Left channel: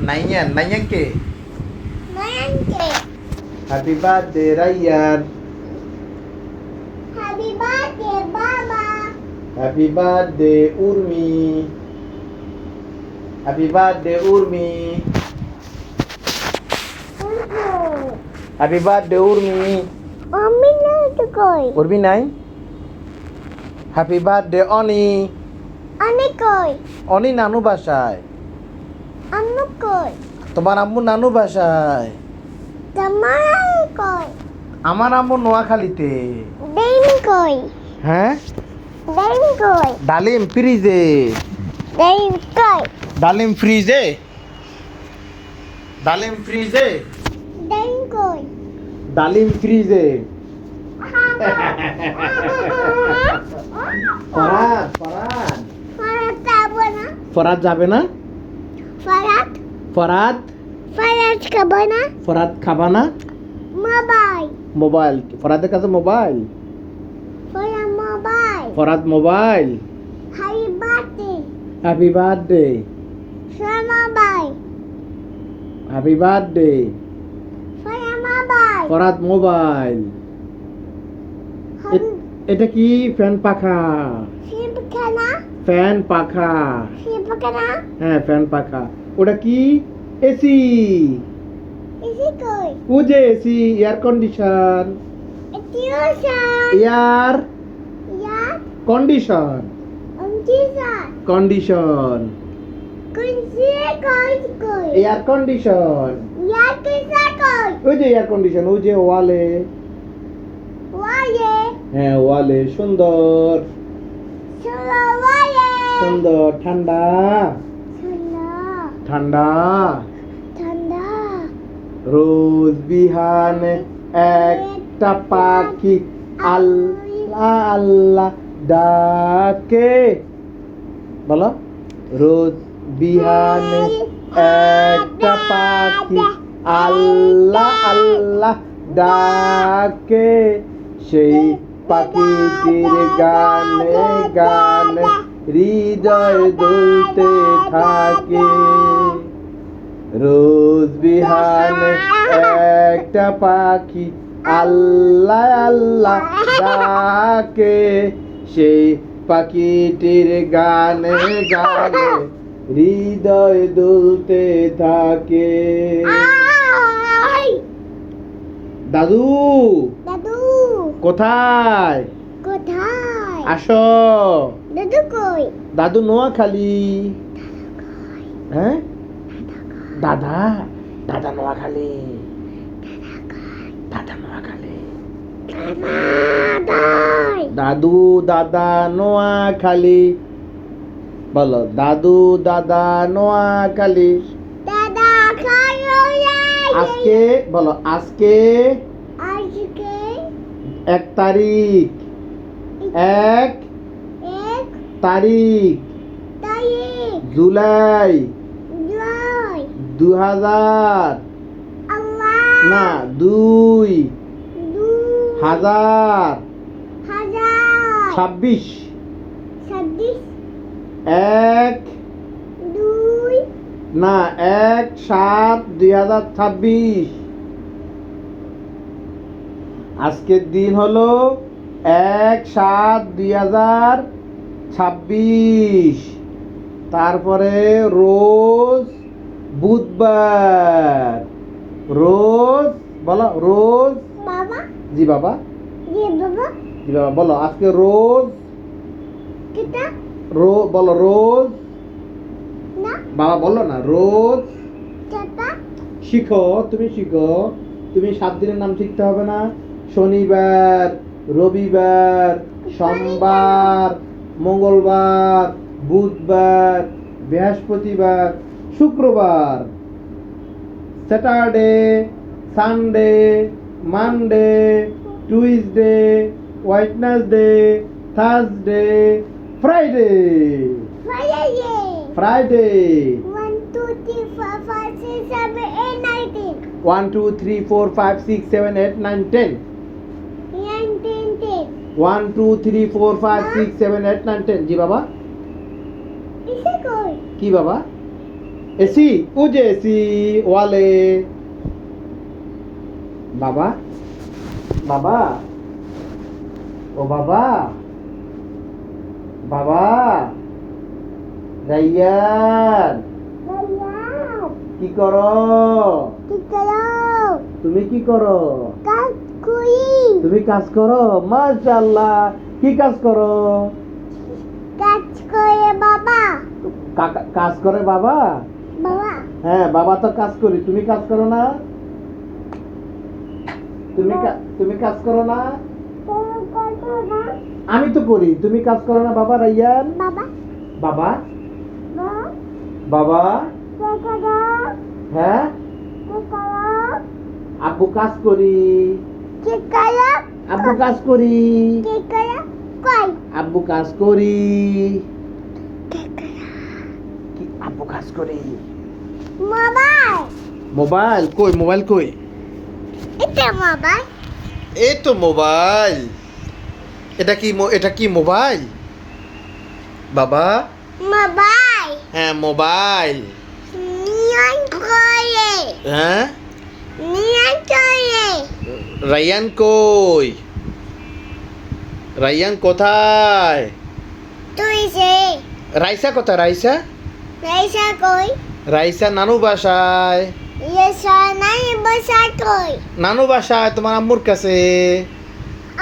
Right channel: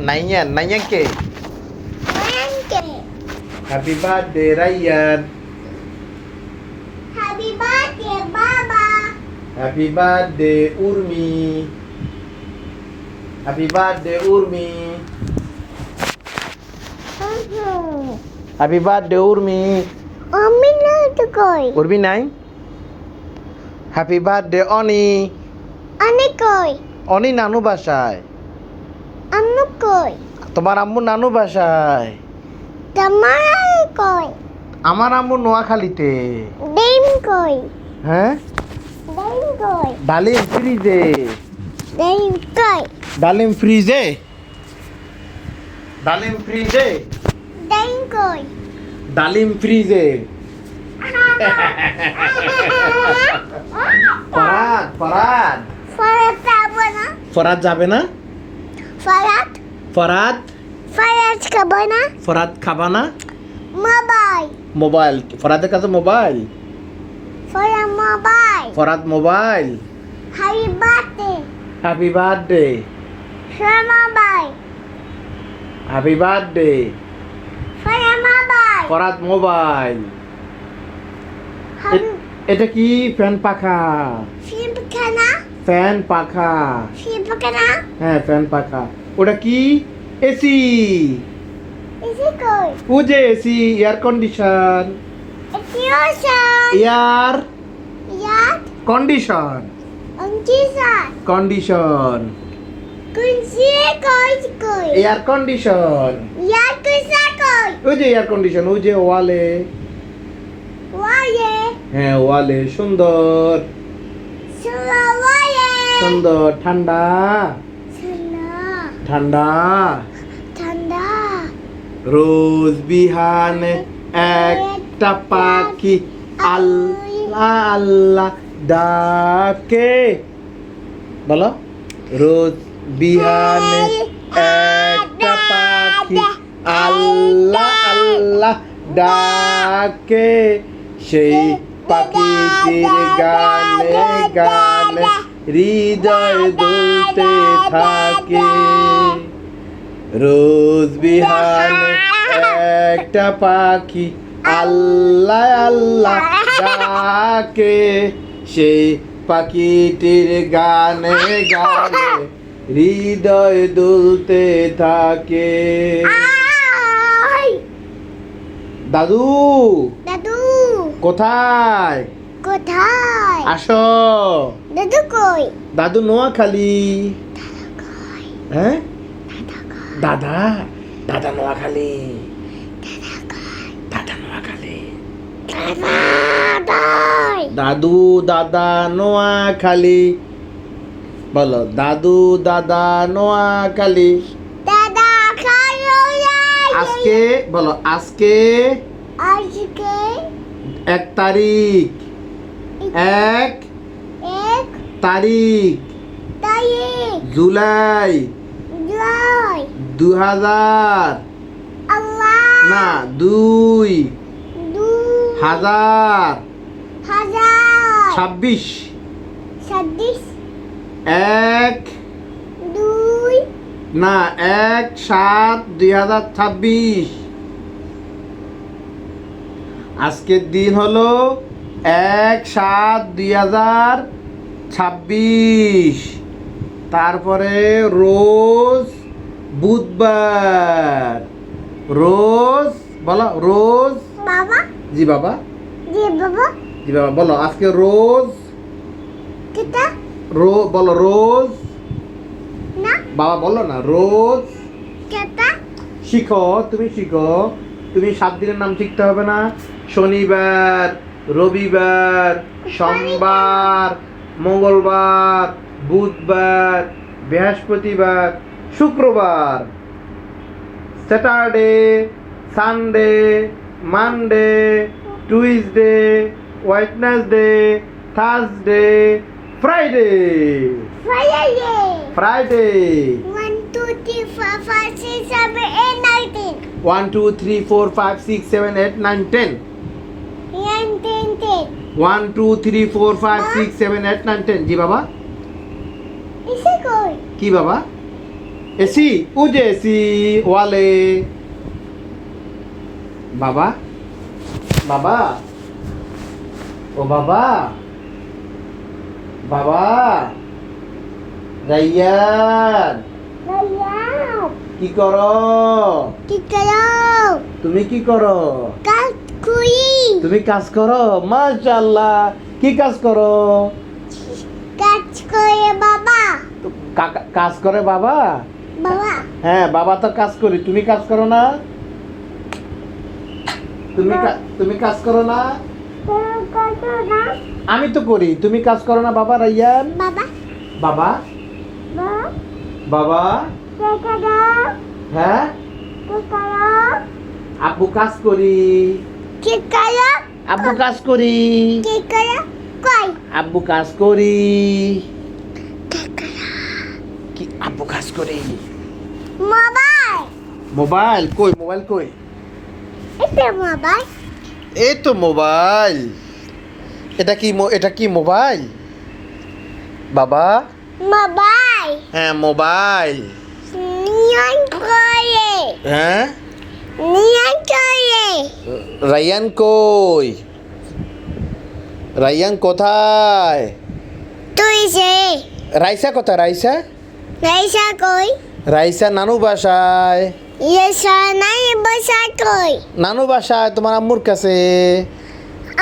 Nayan, Nayan ke? Nanke. Happy birthday Ryan. Happy birthday, Baba. Happy birthday Urmi. Happy birthday Urmi. Happy birthday Urmi. Mami na koi. Urmi নাই? Happy birthday Oni. Ani koi. Oni নানু বাসায়। Ammu koi. তোমার আম্মু নানু বাসায়। Tamara koi. আমার আম্মু নোয়াখালীতে। Dim koi. হ্যাঁ? Dim koi. ডালিম ফ্রিজে। Dim koi. ডালিম ফ্রিজে। ডালিম ফ্রিজে। Dim koi. ডালিম ফ্রিজে। Farhad Farhad Farat kabana. ফরাদ যাবে না? Farat. Farhad Farat kabana. Farhad খাবা না? Mobile. মোবাইল ফরাদের কাছে mobile. Farat mobile. Farad mobile. Happy birthday. Happy birthday. Farat mobile. Happy birthday. Farat mobile. Farad mobile. Happy. এটা কি ফ্যান পাখা? Film kana. ফ্যান পাখা। Film kana. হ্যাঁ ফ্যান পাখা। ওটা কি? এসি। Is it koi? ও যে AC air condition. It's your son. Air Yat. Condition. Unjisan. Condition Kunsi koi koi. Air condition. Yat kusa koi. ওই যে এয়ার কন্ডিশন ওই যে ওয়ালে। Waye. হ্যাঁ ওয়ালে সুন্দর Sula waye. সুন্দর ঠান্ডা Sula. ঠান্ডা। Tanda. রোজ বিহানে একটা পাখি আল্লাহ আল্লাহ ডাকে। বলো রোজ বিহানে একটা পাখি আল্লাহ আল্লাহ ডাকে। সেই পাখিটির গানে গানে হৃদয় দুলতে থাকে। রোজ বিহানে একটা পাখি আল্লাহ আল্লাহ ডাকে। সেই পাখিটির গানে গানে হৃদয় দুলতে থাকে। Ay. দাদু Dadu. কোথায়? কোথায়? আসো। দাদু কই? দাদু নোয়াখালী। কই? হ্যাঁ দাদা কই? দাদা দাদা নোয়াখালী। দাদা নোয়াখালী। দাদা কই? দাদু দাদা নোয়াখালী। বলো দাদু দাদা নোয়াখালী। দাদা খালো আজকে বলো আজকে আজকে 1 তারিখ। 1 এক তারিখ তারিখ জুলাই জুলাই 2000 আল্লাহ না 2 হাজার 26 ছাব্বিশ 1 দুই না 1/7/2026। আজকের দিন হলো 1/7/2026। তারপরে রোজ বুধবার। রোজ বলো রোজ। বাবা জি বাবা যে বাবা জি বাবা বলো আজকে রোজ কিতা বলো রোজ। না বাবা বলো না রোজ। কিতা শিখো তুমি শিখো। তুমি 7 দিনের নাম শিখতে হবে না? শনিবার রবিবার সোমবার মঙ্গলবার বুধবার বৃহস্পতিবার শুক্রবার Saturday Sunday Monday Tuesday Wednesday Thursday Friday. Friday Friday 1 2 3 4 5 6 7 8 9 10 1 2 3 4 5 6 7 8 9 10 9 10 10 1 2 3 4 5 6 7 8 9 10 জি বাবা ইসে কই কি বাবা এসি ও যে এসি ওয়ালে বাবা বাবা ও বাবা বাবা রাইয়ান কি করো কি করো তুমি কি করো কাজ করি তুমি কাজ করো মাশাআল্লাহ কি কাজ করো কাজ করে বাবা কাজ করে বাবা বাবা হ্যাঁ বাবা তো কাজ করি তুমি কাজ করো না তুমি কাজ করো না আমি তো করি তুমি কাজ করো না বাবা রাইয়ান বাবা বাবা বাবা বাবা হ্যাঁ আব্বু কাজ করি কি করো আব্বু কাজ করি কি করো কই আব্বু কাজ করি কি আব্বু কাজ করি মোবাইল মোবাইল কই মোবাইল কই এটা মোবাইল এই তো মোবাইল এটা কি মোবাইল বাবা মোবাইল হ্যাঁ মোবাইল নিয়ন করে হ্যাঁ নিয়ন করে রাইয়ান কই রাইয়ান কোথায় তুই যে রাইসা কোথায় রাইসা রাইসা কই রাইসা নানু বাসায় ইয়েসা নাই বসা কই নানু বাসায় তোমার আম্মুর কাছে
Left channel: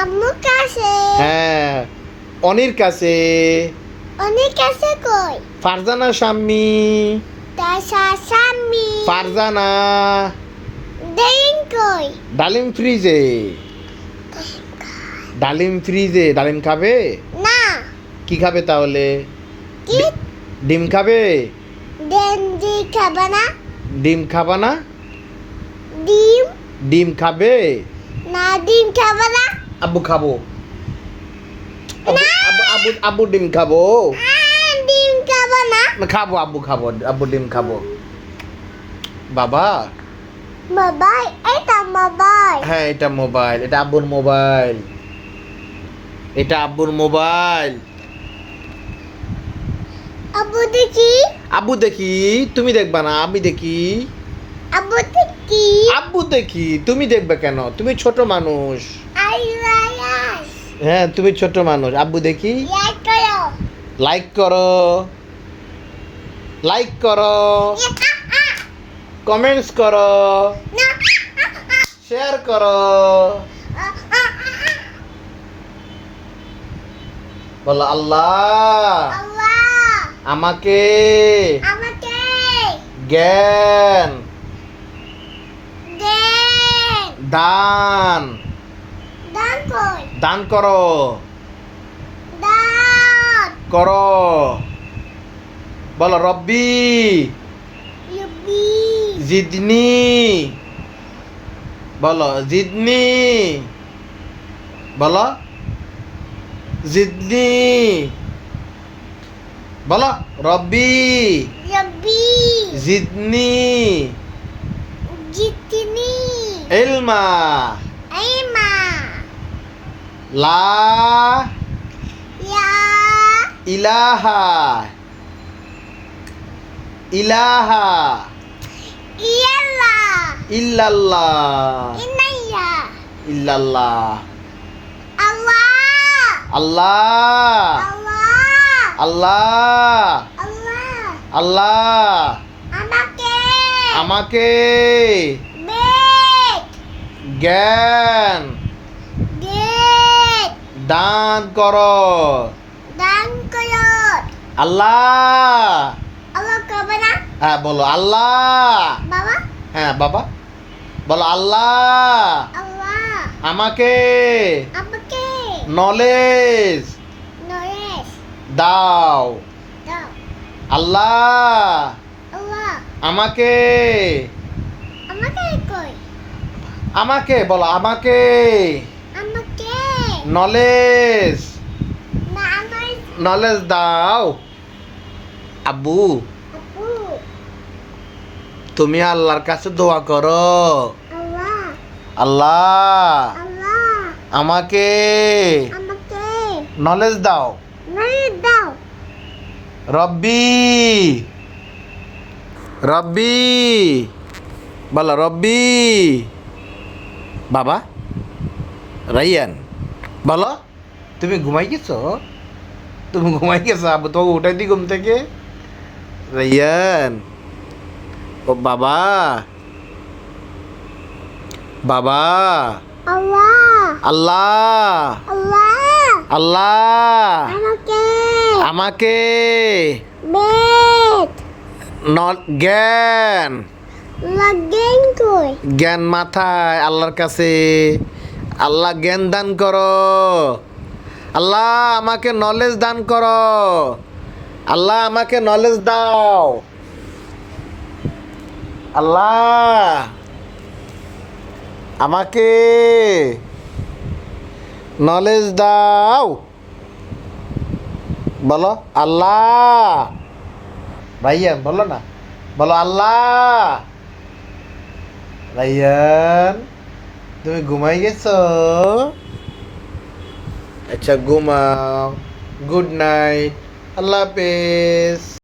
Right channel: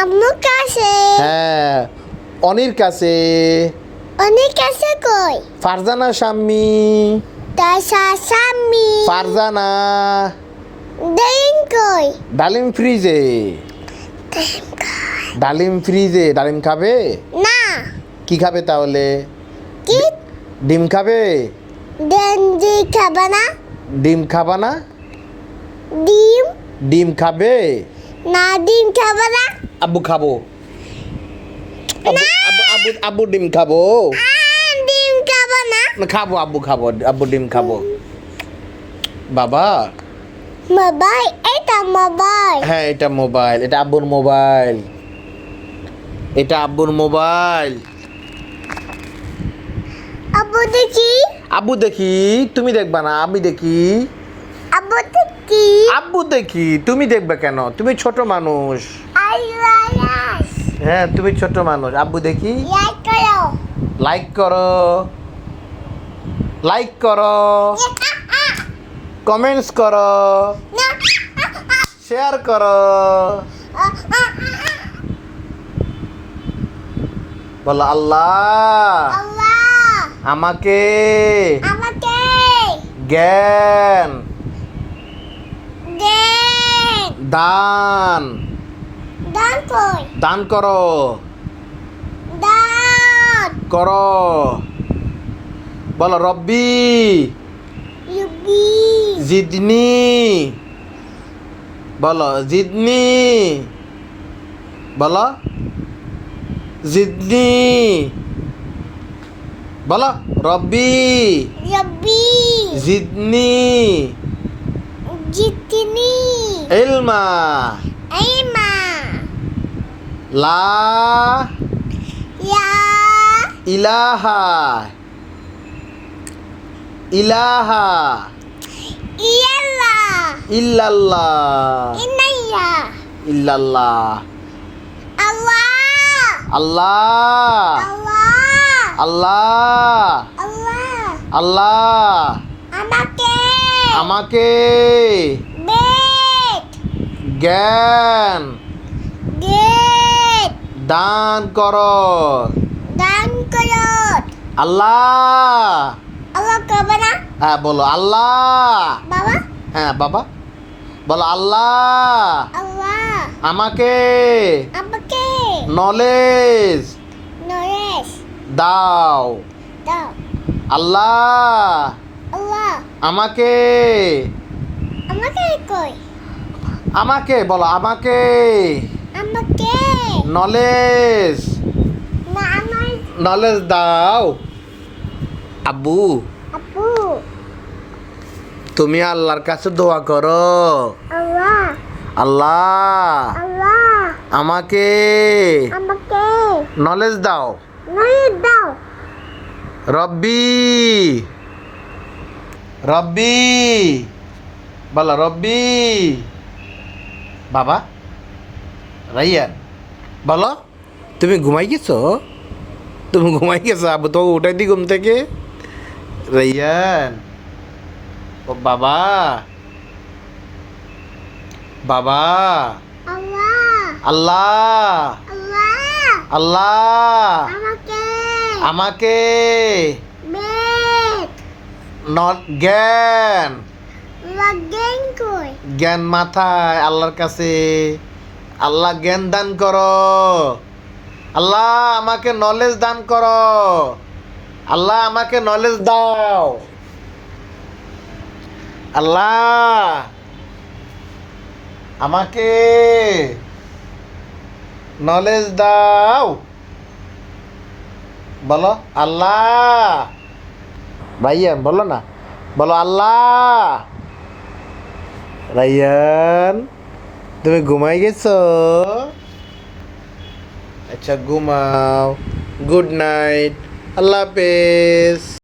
আম্মু কাছে হ্যাঁ অনির কাছে অনেক কাছে কই ফারজানা শাম্মি তাসা সামি ফারজানা দেন কই ডালিম ফ্রিজে ডালিম খাবে না কি খাবে তাহলে কি ডিম খাবে দেন দি খাবা না ডিম খাবা না ডিম ডিম খাবে না ডিম খাবা না আব্বু খাবো না। আব্বু ডিম খাবো ডিম খাবা না খাবো আব্বু ডিম খাবো বাবা মোবাইল এটা মোবাইল হ্যাঁ এটা মোবাইল এটা আব্বুর মোবাইল আব্বু দেখি আব্বু দেখি তুমি দেখবা না আমি দেখি আব্বু দেখি আব্বু দেখি তুমি দেখবে কেন তুমি ছোট মানুষ আই লাইস হ্যাঁ তুমি ছোট মানুষ আব্বু দেখি লাইক করো লাইক করো কমেন্টস করো না শেয়ার করো বলো আল্লাহ আল্লাহ আমাকে আমাকে জ্ঞান দেন দান দান কই দান করো দান করো বলো রব্বি ইউবি জিদনি বলো জিদনি বলো জিদনি বলো রব্বি রব্বি জিদনি জিতনি ইলমা আইমা লা ইয়া ইলাহা ইলাহা ইয়াল্লা ইল্লাল্লাহ ইনাইয়া ইল্লাল্লাহ আল্লাহ আল্লাহ আল্লাহ আল্লাহ আল্লাহ আল্লাহ আমাকে আমাকে বেদ জ্ঞান গেট দান করো দান করো আল্লাহ আল্লাহ করবে না হ্যাঁ বলো আল্লাহ বাবা হ্যাঁ বাবা বলো আল্লাহ আল্লাহ আমাকে আমাকে নলেজ নরেশ দাও দাও আল্লাহ আল্লাহ আমাকে আমাকে কই আমাকে বলো আমাকে আমাকে নলেজ না আমার নলেজ দাও আব্বু আপু তুমি আল্লাহর কাছে দোয়া করো আল্লাহ আল্লাহ আল্লাহ আমাকে আমাকে নলেজ দাও নরেশ দাও রব্বি রব্বি বলো রব্বি। বাবা রাইয়ান বলো তুমি ঘুমাই গেছো? তুমি ঘুমাই গেছো? আবু তো উঠাই দি ঘুম থেকে। রাইয়ান ও বাবা বাবা। Allah. আল্লাহ Allah. আল্লাহ আমাকে আমাকে বেড নট জ্ঞান লাগেন কই জ্ঞান মাথায় আল্লাহর কাছে। আল্লাহ জ্ঞান দান করো। আল্লাহ আমাকে নলেজ দান করো। আল্লাহ আমাকে নলেজ দাও। আল্লাহ আমাকে নলেজ দাও। বলো আল্লাহ। ভাইয়ান বলো না, বলো আল্লাহ। রাইয়ান তুমি ঘুমাই গেছো? আচ্ছা ঘুমাও। Good night. আল্লাহ হাফেজ।